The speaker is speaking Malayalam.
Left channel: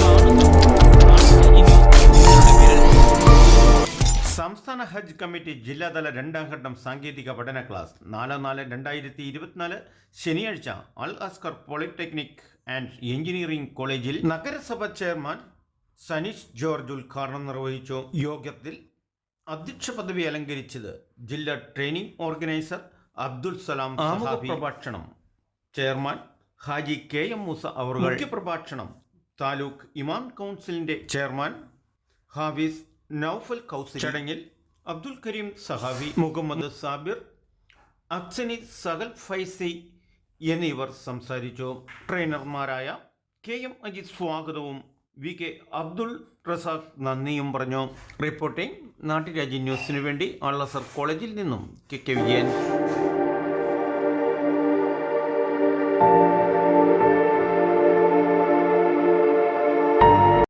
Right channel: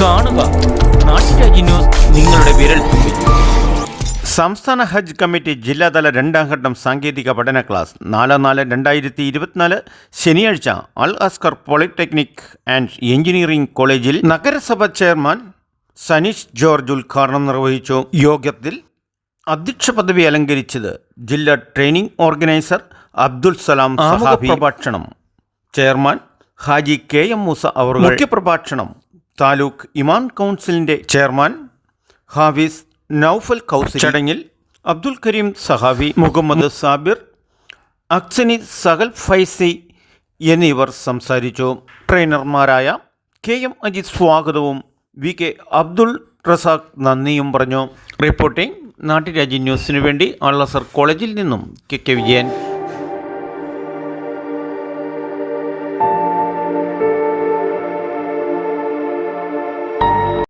കാണുക നിങ്ങളുടെ വിരൽ സംസ്ഥാന ഹജ്ജ് കമ്മിറ്റി ജില്ലാതല രണ്ടാം ഘട്ടം സാങ്കേതിക പഠന ക്ലാസ്. നാല് നാല് രണ്ടായിരത്തി ഇരുപത്തിനാല് ശനിയാഴ്ച Al Askar polytechnic and engineering കോളേജിൽ നഗരസഭ ചെയർമാൻ സനീഷ് ജോർജ് ഉദ്ഘാടനം നിർവഹിച്ചു. യോഗത്തിൽ അധ്യക്ഷ പദവി അലങ്കരിച്ചത് ജില്ലാ ട്രെയിനിംഗ് ഓർഗനൈസർ അബ്ദുൽ സലാം സഹാബി. പ്രഭാഷണം. Chairman Haji K M Moosa അവർ മുഖ്യപ്രഭാഷണം. താലൂക്ക് ഇമാൻ കൗൺസിലിന്റെ ചെയർമാൻ ഹാഫിസ് നൌഫൽ കൗസി ചടങ്ങിൽ അബ്ദുൽ കരീം സഹാബി മുഹമ്മദ് സാബിർ അക്സനി സഹൽ ഫൈസി എന്നിവർ സംസാരിച്ചു. ട്രെയിനർമാരായ കെ എം അജിത് സ്വാഗതവും വി കെ അബ്ദുൾ റസാഖ് നന്ദിയും പറഞ്ഞു. റിപ്പോർട്ടിംഗ് നാട്ടുരാജ്യ ന്യൂസിനു വേണ്ടി അള്ളസർ കോളേജിൽ നിന്നും കെ കെ വിജയൻ.